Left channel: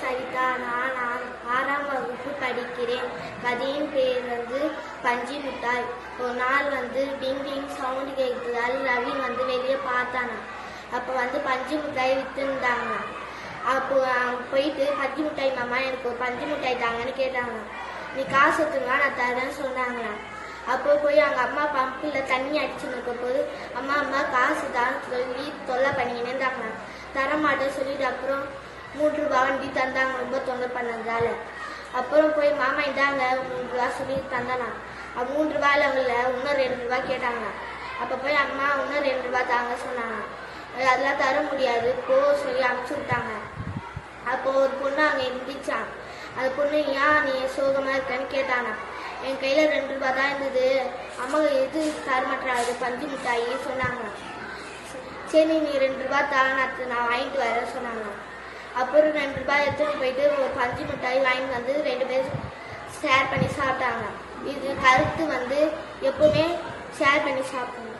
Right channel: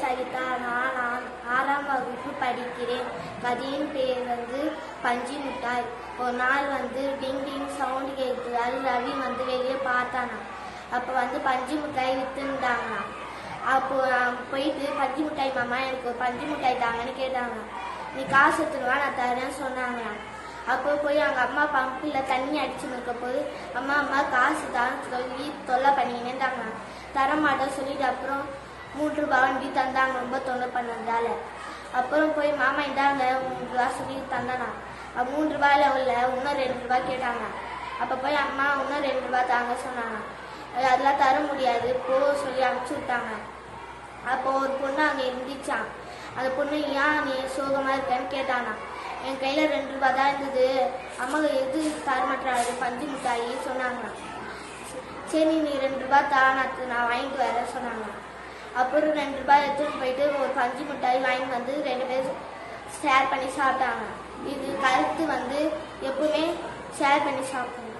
சரிதா நான் ஆ- ஆறாம் வகுப்பு படிக்கிறேன். கதையின் பேர் வந்து பஞ்சு மிட்டாய் ஒரு நாள் வந்து டிங் டிங் சவுண்ட் கேட்டதால் ரவி வந்து வெளியே பார்த்தானா. அப்போ வந்து பஞ்சு மிட்டாய் விற்றுருந்தாங்கண்ணா அப்போ அவன் போயிட்டு பஞ்சு மிட்டாய் மாமா எனக்கு பஞ்சு மிட்டாய் தாங்கன்னு கேட்டாங்க நீ காசு எடுத்துருவா நான் தரேன்னு சொன்னாங்கண்ணா அப்போ போய் அவங்க அம்மா பம்பில் தண்ணி அடிச்சு நிற்க போது அம்மா அம்மா காசு தான் சொல்லி தொல்லை பண்ணிங்கன்னு தாங்கண்ணா தரமாட்டேன் சொல்லிட்டு அப்புறம் மூன்று ரூபாய் வண்டி தந்தாங்க ரொம்ப தொல்லை பண்ணதால அப்புறம் போய் மாமா இந்தாங்க மூன்று ரூபா சொல்லி தந்தானா. அப்ப மூன்று ரூபாயில உள்ள இன்னும் ரெண்டு ரூபா கேட்டாங்க அப்போ போய் அம்மா இன்னும் ரெண்டு ரூபா தாங்க சொன்னாங்க அதெல்லாம் தர முடியாது போ சொல்லி அனுப்பிச்சு விட்டாங்க. அப்போ ஒரு பொண்ணு அங்கே இருந்துச்சான் அந்த பொண்ணு ஏன் நீ சோகமாக இருக்கேன்னு கேட்டானா. என் கையில் ரெண்டு ரூபா தான் இருந்தது. அம்மா எது தர மாட்டாங்க பஞ்சு மிட்டாயின்னு சொன்னாங்க. சரி நீ ரெண்டு ரூபா தா நான் வாங்கிட்டு வரேன் சொன்னாங்க. அப்புறம் ரெண்டு ரூபாய் எடுத்துகிட்டு போயிட்டு ஒரு பஞ்சு மிட்டாய் வாங்கிட்டு வந்து ரெண்டு பேரும் ஷேர் பண்ணி சாப்பிட்டாங்க. இது கருத்து வந்து எப்பவுமே ஷேர் பண்ணி சாப்பிடணும்.